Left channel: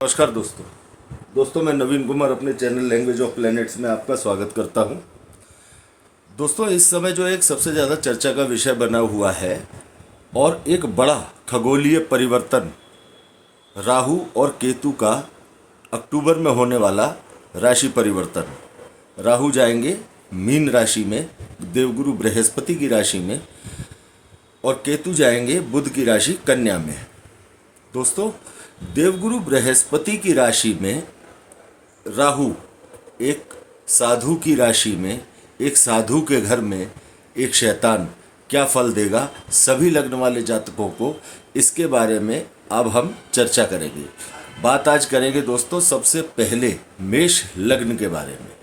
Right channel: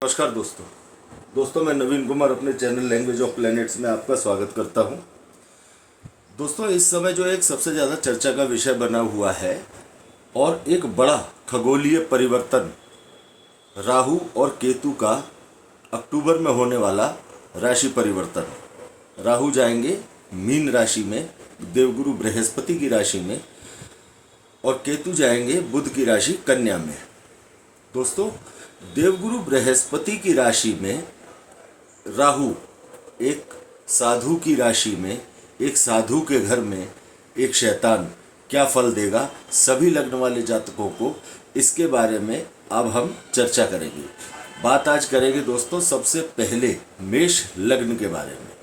नमस्कार दोस्तों मैं नवीन कुमार अपने चैनल लैंग्वेज ऑफ प्लैनेट्स में आपका स्वागत करता हूं। दोस्तों इस समय जो एक सबसे ज़्यादा चर्चा का विषय बना हुआ है और एक बड़ा खगोलीय परिवर्तन राहु और केतु का अक्टूबर में होने वाला राशि परिवर्तन। राहु जाएंगे मीन राशि में, देवगुरु बृहस्पति की राशि में, और केतु जाएंगे बुध की राशि कन्या में। दोस्तों देवगुरु बृहस्पति की राशि में राहु एक साधु की राशि में, एक साधु के घर में एक शैतान क्या फल देगा सभी लग्न वाले जातकों को, इसके बारे में अब हम चर्चा करेंगे। बात आज करेंगे दोस्तों सबसे पहले मेष लग्न के बारे में।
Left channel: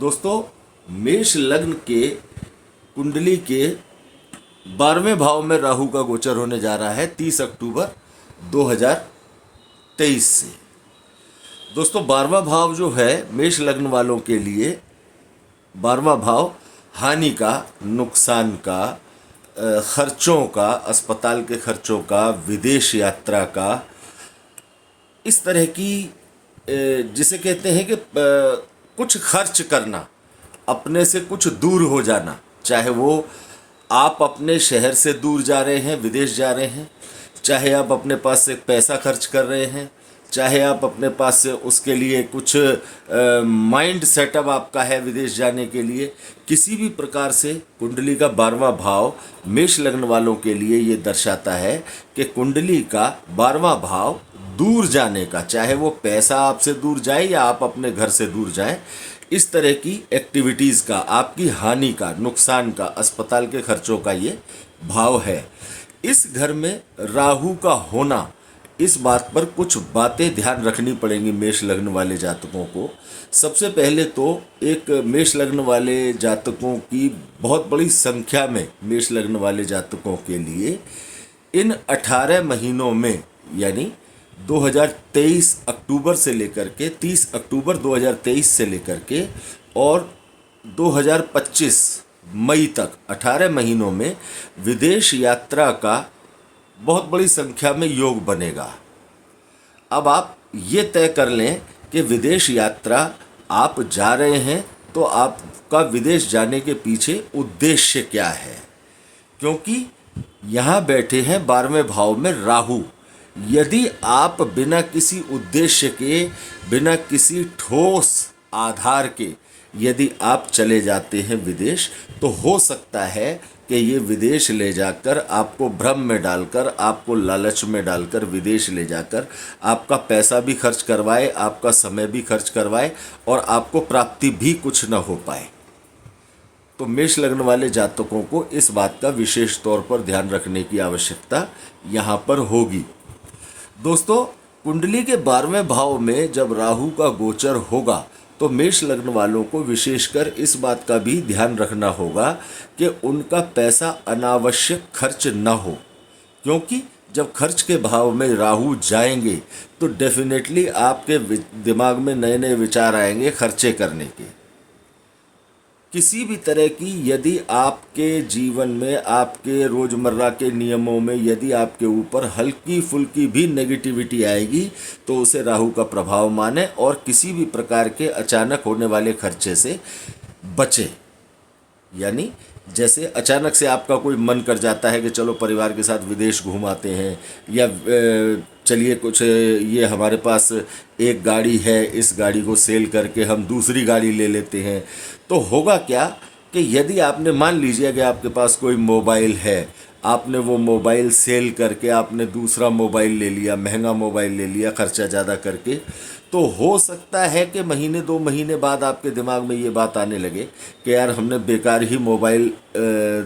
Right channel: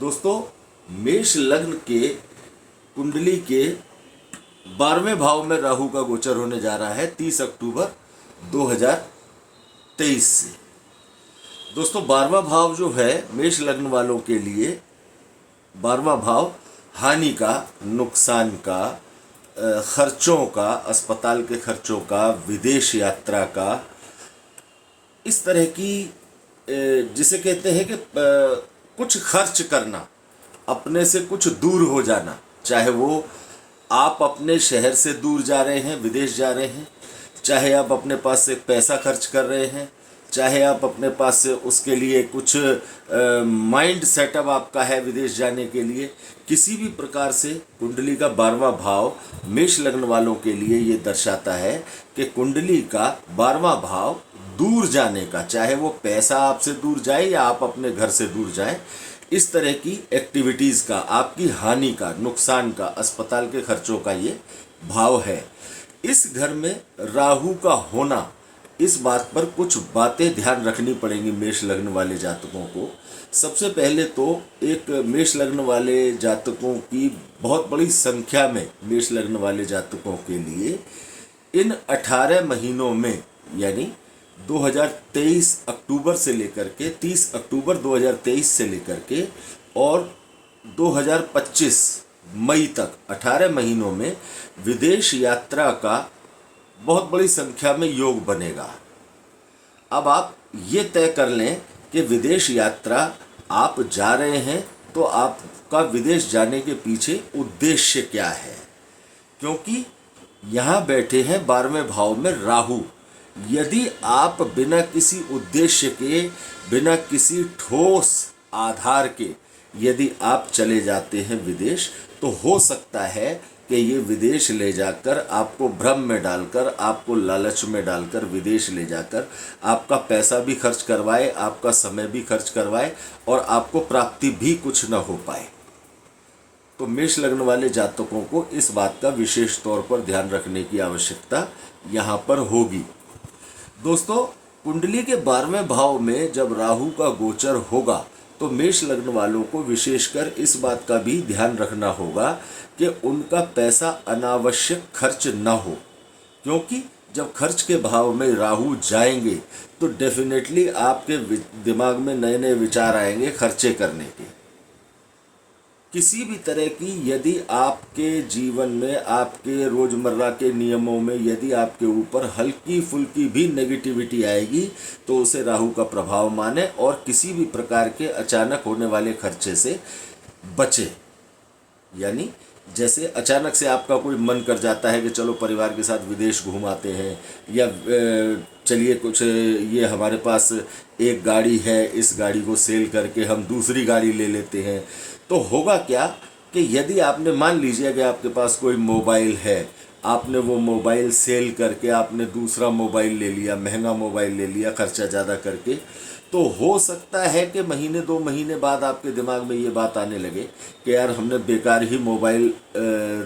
दोस्तों मेष लग्न के कुंडली के 12वें भाव में राहु का गोचर होने जा रहा है 30 अक्टूबर 2023 से। दोस्तों 12वां भाव जो है मेष लग्न वालों के लिए 12वां भाव हानि का, नुकसान का, खर्चों का, अस्पताल के खर्चों का, विदेश यात्रा का, इस तरह की जिसे कहते हैं कि कुछ खर्च करना, अपने से कुछ दूर हो जाना, चाहे वो आप अपने शहर से दूर जा रहे हैं, विदेश जा रहे हैं, चाहे आप अपने पास से पैसा खर्च कर रहे हैं, चाहे आप अपने पास से उसके लिए कुछ माइंड सेटअप आपका है विदेश जाने के लिए, किसी भी प्रकार से कुंडली का 12वां भाव मेष लग्न वालों के लिए ये दर्शाता है कि कुंडली का 12वां भाव दूर जाने का, चाहे वो पैसा आपसे दूर जाए या आप अपने घर से दूर जाएं, इस तरह की एक्टिविटीज़ का, आपकी हानि का, नुकसान का, अस्पताल के खर्चों का ये भाव है। इस घर में राहु का होना, इस बात पर कुछ बातें ध्यान रखनी पड़ेंगी मेष लग्न वाले जातकों को। सबसे पहले तो एक मेष लग्न वाले जातकों की बहुत बड़ी संख्या में, मेष लग्न वाले जातकों के लिए इन 18 महीनों में, यानी 2023 अक्टूबर से लेकर के 30 अक्टूबर 2023 से लेकर के और 2025 मई तक 18 महीनों में विदेश यात्रा का बहुत बड़ी संख्या में योग बनेगा। अब आप ये तय कर लें कि विदेश यात्रा आप जा रहे हैं तो आपका विदेश जाने के पीछे उद्देश्य क्या है, क्योंकि यहाँ बैठे हैं 12वें भाव में राहु। यदि आप बिना किसी उद्देश्य के, बिना किसी ठोस आधार के यदि आप चले जाते हैं विदेश, तो हो सकता है कि ये विदेश ले जाकर आपको भ्रम में डालकर, आपको लालच में डालकर विदेश ले जाकर आपका पैसा भी खर्च करवाए, आपका समय भी खर्च करवाए और आपको प्राप्ति भी कुछ न हो पाए। तो मेष लग्न वाले जातकों को इस बात का विशेष तौर पर ध्यान रखने की आवश्यकता यहाँ पर होगी। दोस्तों कुंडली के 12वें भाव में जब राहु का गोचर होगा तो मेष लग्न वालों को विशेषकर इस बात का भी ध्यान रखना होगा कि उनका पैसा अनावश्यक खर्च ना हो, क्योंकि जब खर्च के भाव में राहु जाएंगे तो डेफिनेटली आपके दिमाग में नए नए विचार आएंगे खर्चे करने के। किसी भी तरह की यदि आपके जीवन में, आपके रोज़मर्रा के नियमों में यदि आपके ऊपर हल्की फुल्की भी नेगेटिविटी आएगी तो उसे राहु का प्रभाव माने और किसी भी प्रकार के अचानक होने वाले खर्चे से बचें। यानी जैसे अचानक से आपका कोई मन कर जाता है कि चलो परिवार के साथ विदेश घूम आते हैं, या चलिए कुछ ये हमारे पास एक गाड़ी है, इस गाड़ी को सेल करके हम दूसरी गाड़ी ले लेते हैं, तो होगा क्या कि यदि आपने, मान लीजिए कि आपके पास कोई मोबाइल है, आपने वो मोबाइल सेल करके आपने दूसरा मोबाइल ले लिया, महंगा मोबाइल ले लिया खर्चा ज़्यादा करके, तो हो सकता है कि महीने 2 महीने बाद आपके दिमाग में ये बात आने लगे कि यार हमने बेकार ही मोबाइल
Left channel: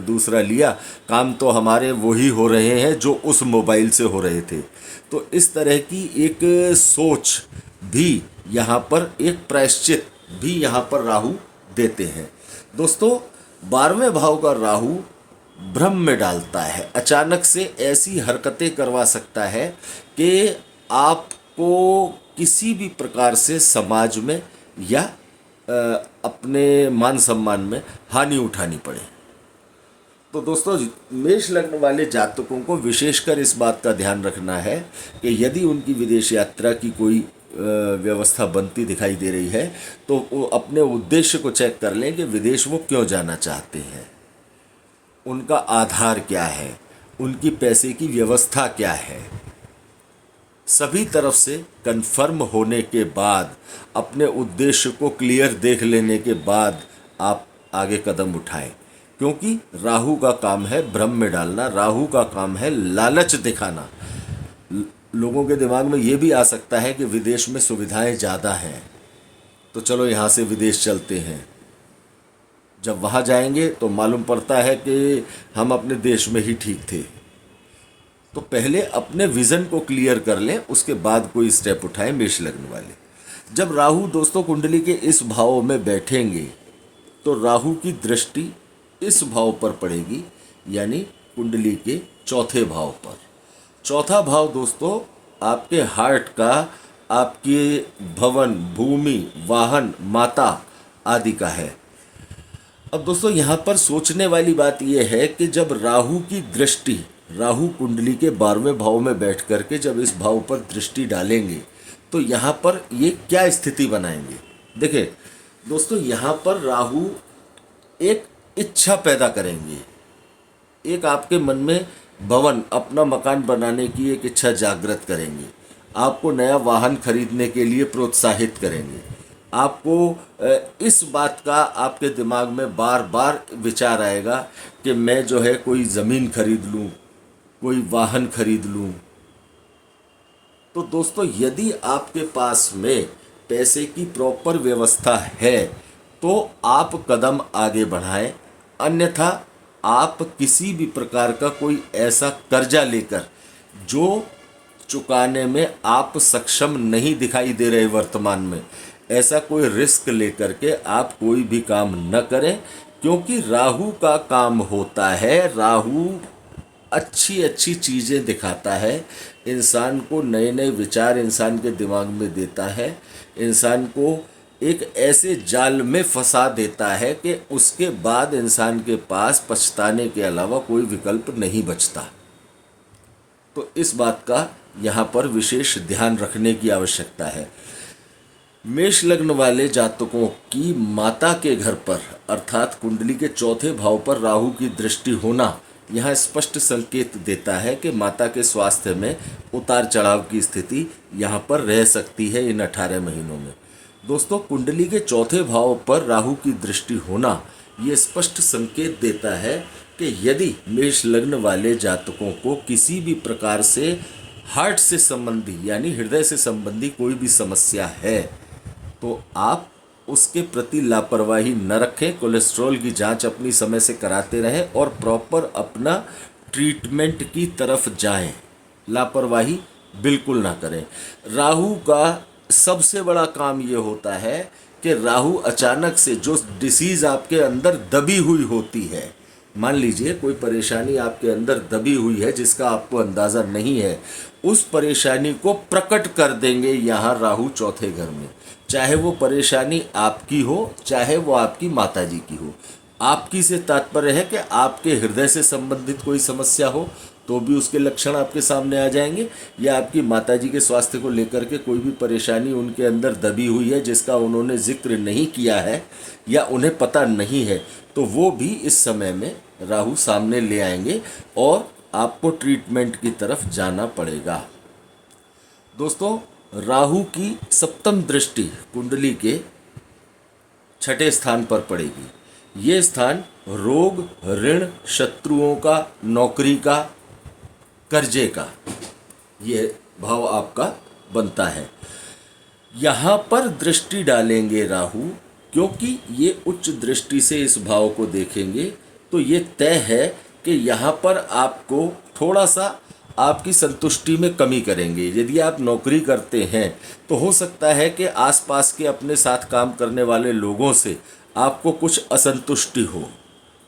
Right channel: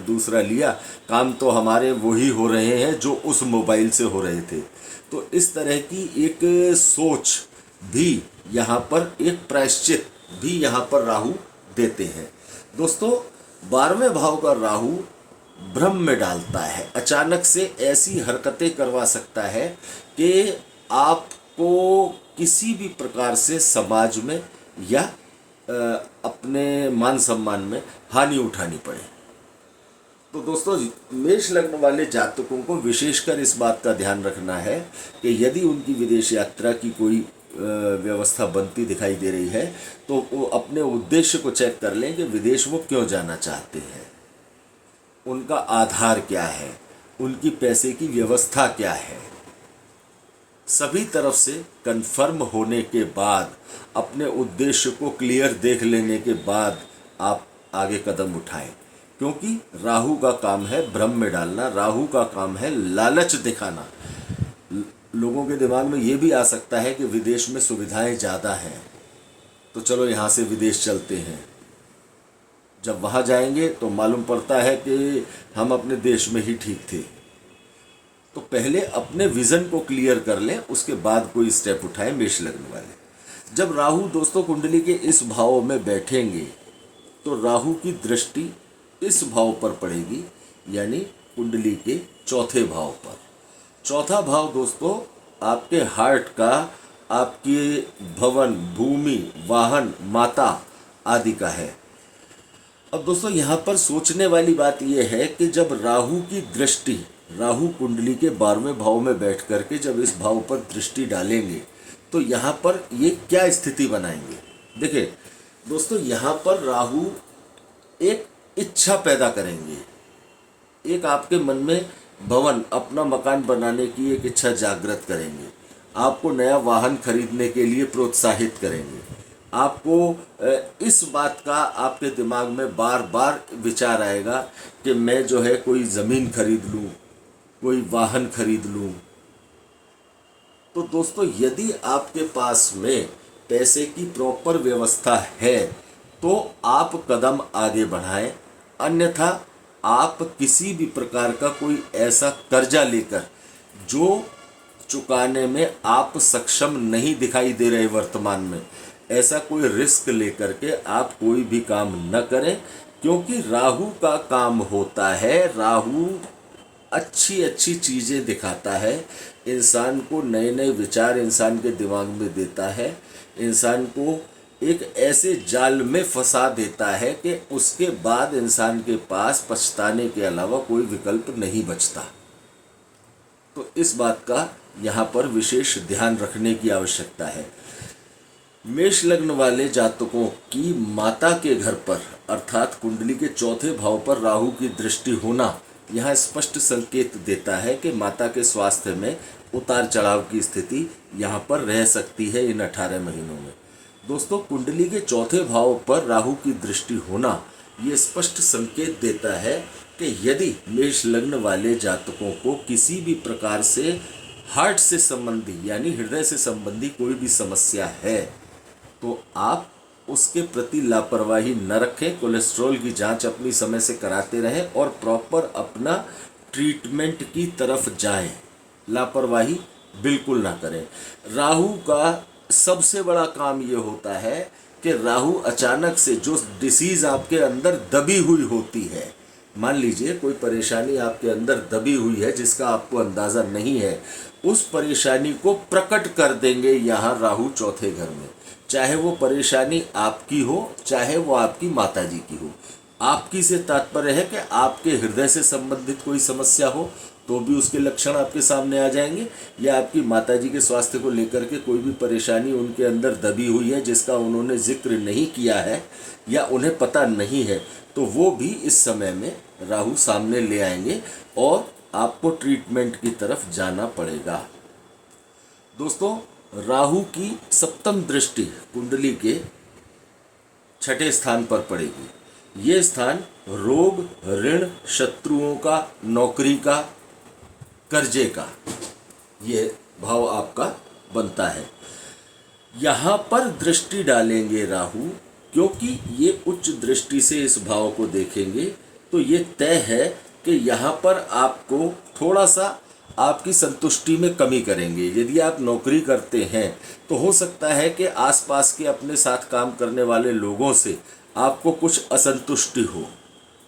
दूसरा लिया, काम तो हमारे वही हो रहे हैं जो उस मोबाइल से हो रहे थे। तो इस तरह की एक सोच भी यहाँ पर, एक प्रायश्चित भी यहाँ पर राहु देते हैं। दोस्तों 12वें भाव का राहु भ्रम में डालता है, अचानक से ऐसी हरकतें करवा सकता है कि आपको किसी भी प्रकार से समाज में या अपने मान सम्मान में हानि उठानी पड़े। तो दोस्तों, मेष लग्न वाले जातकों को विशेषकर इस बात का ध्यान रखना है कि यदि उनकी विदेश यात्रा की कोई व्यवस्था बनती दिखाई दे रही है तो वो अपने उद्देश्य को चेक कर लें कि विदेश वो क्यों जाना चाहते हैं, उनका आधार क्या है, उनकी पैसे की व्यवस्था क्या है। सभी तरफ से कंफर्म होने के बाद, अपने उद्देश्य को क्लियर देख लेने के बाद आप आगे कदम उठाएं, क्योंकि राहु का काम है भ्रम में डालना, राहु का काम है लालच दिखाना। लोगों के दिमाग में ये भी आ सकता है कि विदेश में सुविधाएं ज़्यादा हैं तो चलो यहाँ से विदेश चलते हैं। जब वहाँ जाएंगे तो मालूम पड़ता है कि हम अपने देश में ही ठीक थे। तो पहले अपने विज़न को क्लियर कर लें, उसके बाद कोई स्टेप उठाएं मेष लग्न वाले। जब राहु दोस्तों कुंडली के इस भाव में बैठेंगे तो राहु की दृष्टि इस भाव पर पड़ेगी, यानी कुंडली के चौथे भाव पर। चौथा भाव दोस्तों आपके हार्ट का, आपके भवन, भूमि, वाहन, माता आदि का है। अब दोस्तों यहाँ पर सोचने वाली बात यह है कि जब राहु की दृष्टि, राहु कुंडली के 12वें भाव में बैठ करके जब इस भाव पर दृष्टि डालेंगे तो यहाँ पर ये क्या स्थिति बनाएंगे। देखिए दोस्तों, यहाँ पर राहु एक इच्छा पैदा करेंगे, एक आपके मन में भवन, अपना मकान बनाने की एक इच्छा जागृत करेंगे, आपको नया वाहन खरीदने के लिए प्रोत्साहित करेंगे, आपको इस बात का आपके दिमाग में बार बार विचार आएगा कि मैं जो है कोई ज़मीन खरीद लूँ, कोई वाहन खरीद लूँ। तो दोस्तों यदि आपके पास में पैसे की प्रॉपर व्यवस्था है तो आप कदम आगे बढ़ाएं, अन्यथा आप किसी भी प्रकार का कोई ऐसा कर्जा लेकर जो चुकाने में आप सक्षम नहीं दिखाई दे रहे वर्तमान में, ऐसा कोई रिस्क लेकर के आप कोई भी काम न करें, क्योंकि राहु का काम होता है, राहु अच्छी अच्छी चीज़ें दिखाता है, इंसान को नए नए विचार इंसान के दिमाग में देता है, इंसान को एक ऐसे जाल में फंसा देता है कि उसके बाद इंसान के पास पछताने के अलावा कोई विकल्प नहीं बचता। तो इस बात का यहाँ पर विशेष ध्यान रखने की आवश्यकता है। मेष लग्न वाले जातकों की माता के घर पर अर्थात कुंडली के चौथे भाव पर राहु की दृष्टि होना यहाँ स्पष्ट संकेत देता है कि माता के स्वास्थ्य में उतार चढ़ाव की स्थिति यहाँ पर रह सकती है इन 18 महीनों में। दोस्तों कुंडली के चौथे भाव पर राहु की दृष्टि होना ये स्पष्ट संकेत देता है कि यदि मेष लग्न वाले जातकों को किसी भी प्रकार से हार्ट से संबंधी यानी हृदय से संबंधी कोई भी समस्या है तो आप उसके प्रति लापरवाही न रखें, कोलेस्ट्रॉल की जांच अपनी समय से कराते रहें और प्रॉपर अपना ट्रीटमेंट की तरफ जाएं, लापरवाही बिल्कुल ना करें। राहु का सबसे बड़ा काम ये होता है कि राहु अचानक से जो डिसीज़ आपके अंदर दबी हुई होती है, मान लीजिए कोई परेशानी आपके अंदर दबी हुई है जिसका आपको अंदाज़ा नहीं है, उस परेशानी को प्रकट कर देंगे यहाँ राहु चौथे घर में। चाहे वो परेशानी आपकी हो, चाहे वो आपकी माताजी की हो। आपकी से तात्पर्य है कि आपके हृदय से संबंधित कोई समस्या हो तो भी उसके लक्षण आपके सामने आ जाएंगे, या आपकी माताजी के स्वास्थ्य को लेकर के कोई भी परेशानी उनके अंदर दबी हुई है जिसका उन्होंने जिक्र नहीं किया है या उन्हें पता नहीं है, तो वो भी इस समय में राहु सामने ले आएंगे और आपको ट्रीटमेंट की तरफ जाना पड़ेगा। दोस्तों राहु की सप्तम दृष्टि कुंडली के छठे स्थान पर पड़ेगी। ये स्थान रोग, ऋण, शत्रुओं का, नौकरी का, कर्जे का ये भाव आपका बनता है। यहाँ पर दृष्टि डालेंगे राहु, क्योंकि ये उच्च दृष्टि से इस भाव को देखेंगे तो ये तय है कि यहाँ पर आपको थोड़ा सा आपकी संतुष्टि में कमी करेंगे। यदि आप नौकरी करते हैं तो हो सकता है कि आसपास के अपने साथ काम करने वाले लोगों से आपको कुछ असंतुष्टि हो,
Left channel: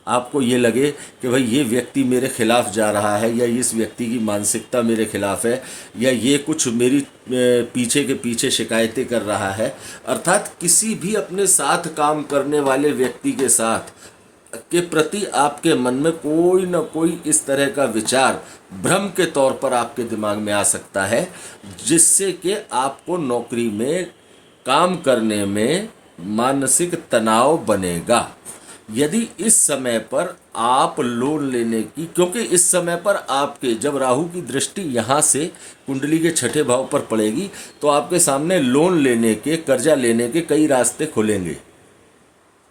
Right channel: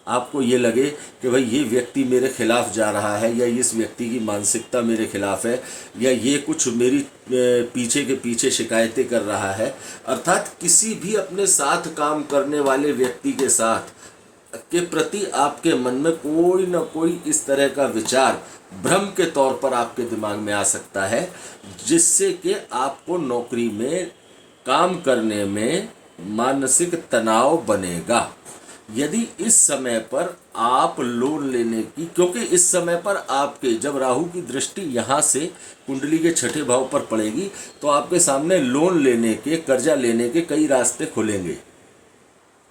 आपको ये लगे कि भाई ये व्यक्ति मेरे खिलाफ जा रहा है, या इस व्यक्ति की मानसिकता मेरे खिलाफ है, या ये कुछ मेरी पीछे के पीछे शिकायतें कर रहा है। अर्थात किसी भी अपने साथ काम करने वाले व्यक्ति के साथ के प्रति आपके मन में कोई ना कोई इस तरह का विचार भ्रम के तौर पर आपके दिमाग में आ सकता है, जिससे कि आपको नौकरी में काम करने में मानसिक तनाव बनेगा। यदि इस समय पर आप लोन लेने की, क्योंकि इस समय पर आपके जब राहु की दृष्टि यहाँ से कुंडली के छठे भाव पर पड़ेगी तो आपके सामने लोन लेने के, कर्जा लेने के कई रास्ते खुलेंगे।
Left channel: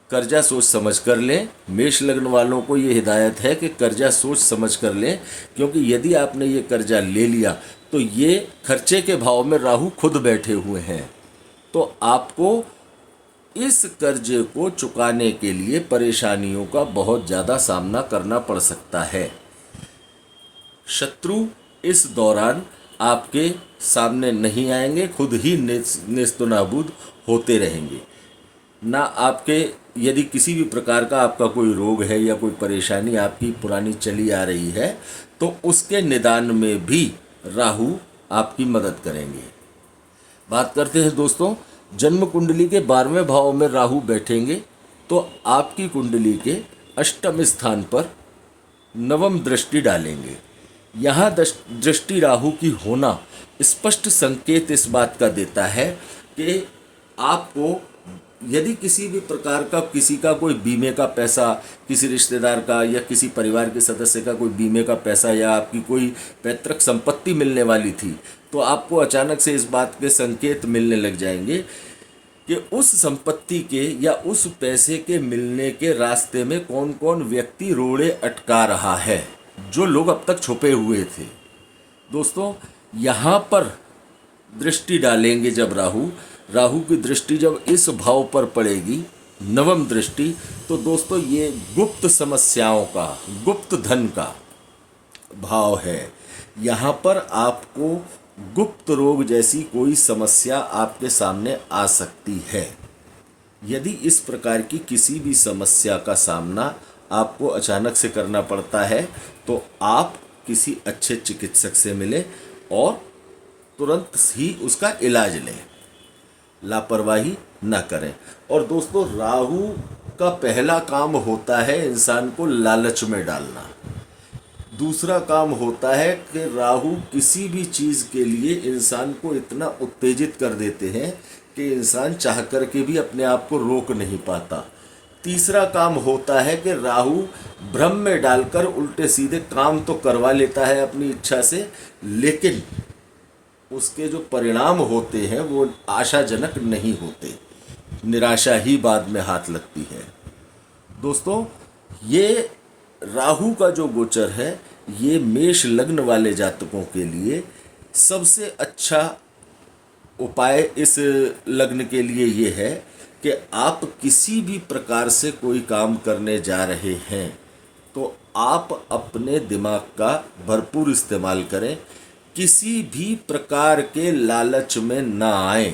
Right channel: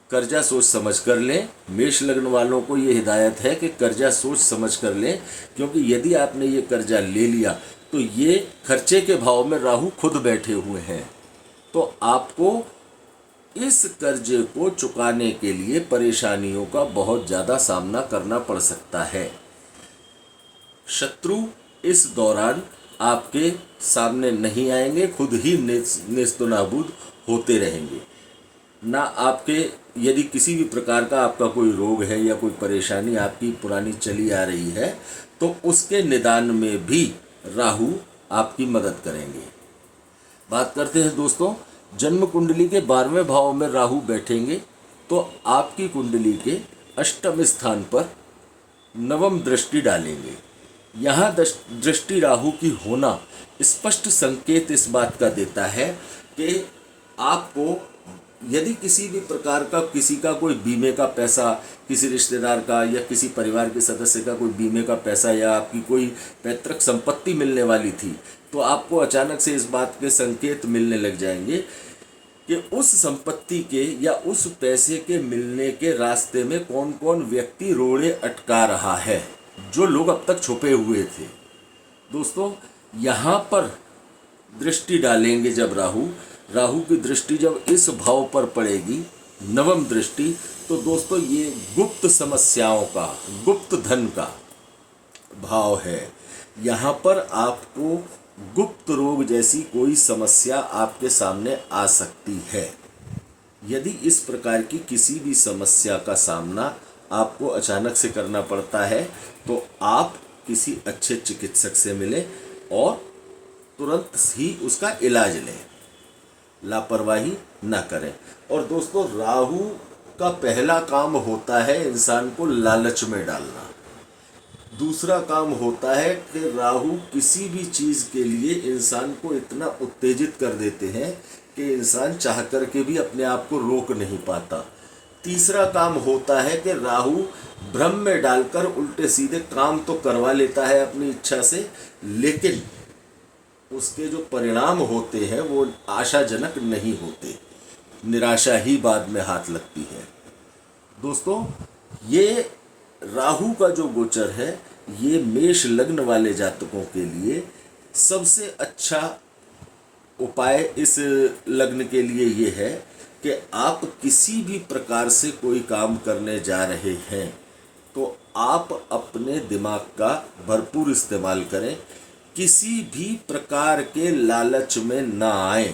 कर्जा सोच समझ कर लें। मेष लग्न वालों को ये हिदायत है कि कर्जा सोच समझ कर लें, क्योंकि यदि आपने ये कर्जा ले लिया तो ये खर्चे के भाव में राहु खुद बैठे हुए हैं, तो आपको इस कर्जे को चुकाने के लिए परेशानियों का बहुत ज़्यादा सामना करना पड़ सकता है। शत्रु इस दौरान आपके सामने नहीं आएंगे, खुद ही नेस्तनाबूद होते रहेंगे। ना आपके, यदि किसी भी प्रकार का आपका कोई रोग है या कोई परेशानी आपकी पुरानी चली आ रही है तो उसके निदान में भी राहु आपकी मदद करेंगे। बात करते हैं दोस्तों, जन्म कुंडली के 12वें भाव में राहु बैठेंगे तो आपकी कुंडली के अष्टम स्थान पर नवम दृष्टि डालेंगे। यहाँ दृष्टि राहु की होना स्पष्ट संकेत इस बात का देता है कि आपको यदि किसी भी प्रकार का, किसी का कोई बीमे का पैसा, किसी रिश्तेदार का या किसी परिवार के सदस्य का कोई बीमे का पैसा या आपकी कोई पैतृक संपत्ति मिलने वाली थी, तो आपको अचानक से इस बात के संकेत मिलने लग जाएंगे कि उस संपत्ति के या उस पैसे के मिलने के रास्ते में कौन कौन व्यक्ति रोड़े अटका रहा है, जो लोग अब तक छुपे हुए थे। दोस्तों, यहाँ पर दृष्टि डालेंगे जब राहु की दृष्टि जब इस भाव पर पड़ेगी, नवम दृष्टि, तो दोस्तों ये गुप्त समस्याओं का, गुप्त धन का भाव है। यहाँ पर आपको गुप्त रोग जैसी कोई समस्या आपके सामने आ सकती है। यदि इस प्रकार की किसी भी समस्या का सामना आपको अचानक से करना पड़ता है तो आप किसी अच्छे चिकित्सक से मिलें और तुरंत ही उसका इलाज लें, लापरवाही ना करें। और दोस्तों, राहु का पहला काम होता है इंसान को लालच में डालना। दूसरा काम होता है कि राहु किसी भी चीज़ के लिए इंसान को इतना उत्तेजित कर देते हैं कि इंसान चाह कर के भी अपने आप को रोक नहीं पाता। तीसरा काम होता है कि राहु भ्रम में डालकर उल्टे सीधे काम तो करवा लेता है अपनी इच्छा से, लेकिन उसके जो परिणाम होते हैं वो आशाजनक नहीं होते, निराशा ही बाद में हाथ लगती है। दोस्तों, ये राहु का जो गोचर है ये मेष लग्न वाले जातकों के लिए सबसे अच्छा उपाय इस लग्न के लिए ये है कि आप किसी भी प्रकार से कोई काम करने जा रहे हैं तो आप अपने दिमाग का भरपूर इस्तेमाल करें, किसी भी प्रकार के लालच में ना आए।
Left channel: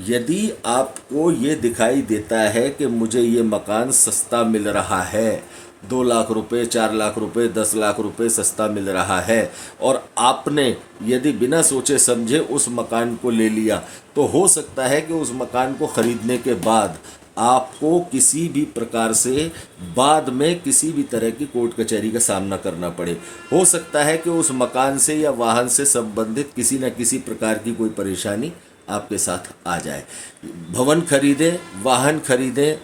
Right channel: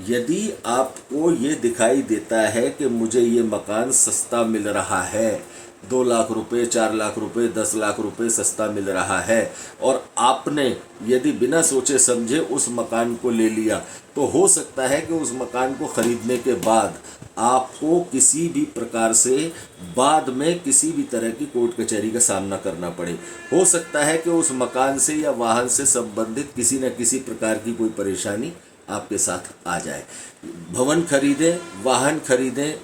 यदि आपको ये दिखाई देता है कि मुझे ये मकान सस्ता मिल रहा है, 2 लाख रुपए, 4 लाख रुपए, 10 लाख रुपए सस्ता मिल रहा है, और आपने यदि बिना सोचे समझे उस मकान को ले लिया, तो हो सकता है कि उस मकान को खरीदने के बाद आपको किसी भी प्रकार से बाद में किसी भी तरह की कोर्ट कचहरी का सामना करना पड़े। हो सकता है कि उस मकान से या वाहन से संबंधित किसी न किसी प्रकार की कोई परेशानी आपके साथ आ जाए। भवन खरीदें, वाहन खरीदें,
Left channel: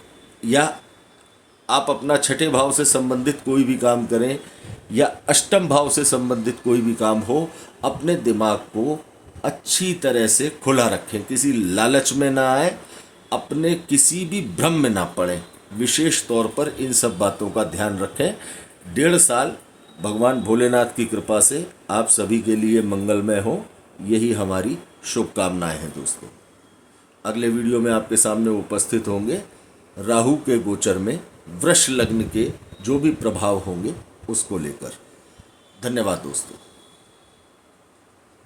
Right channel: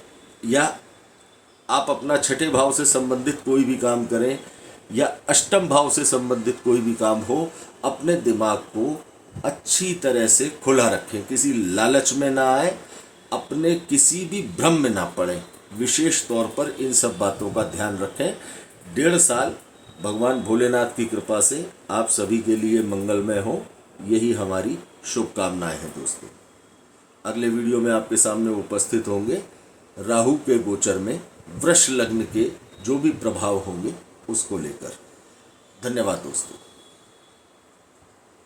या आप अपना छठे भाव से संबंधित कोई भी काम करें या अष्टम भाव से संबंधित कोई भी काम हो, अपने दिमाग को अच्छी तरह से खुला रखें, किसी लालच में ना आए, अपने किसी भी भ्रम में ना पड़े। विशेष तौर पर इन सब बातों का ध्यान रखें। 1.5 साल भगवान भोलेनाथ की कृपा से आप सभी के लिए मंगलमय हो, यही हमारी शुभकामनाएं हैं। दोस्तों, अगले वीडियो में आपके सामने उपस्थित होंगे राहु के गोचर में वृष लग्न के जो भी प्रभाव होंगे उसको लेकर। धन्यवाद दोस्तों।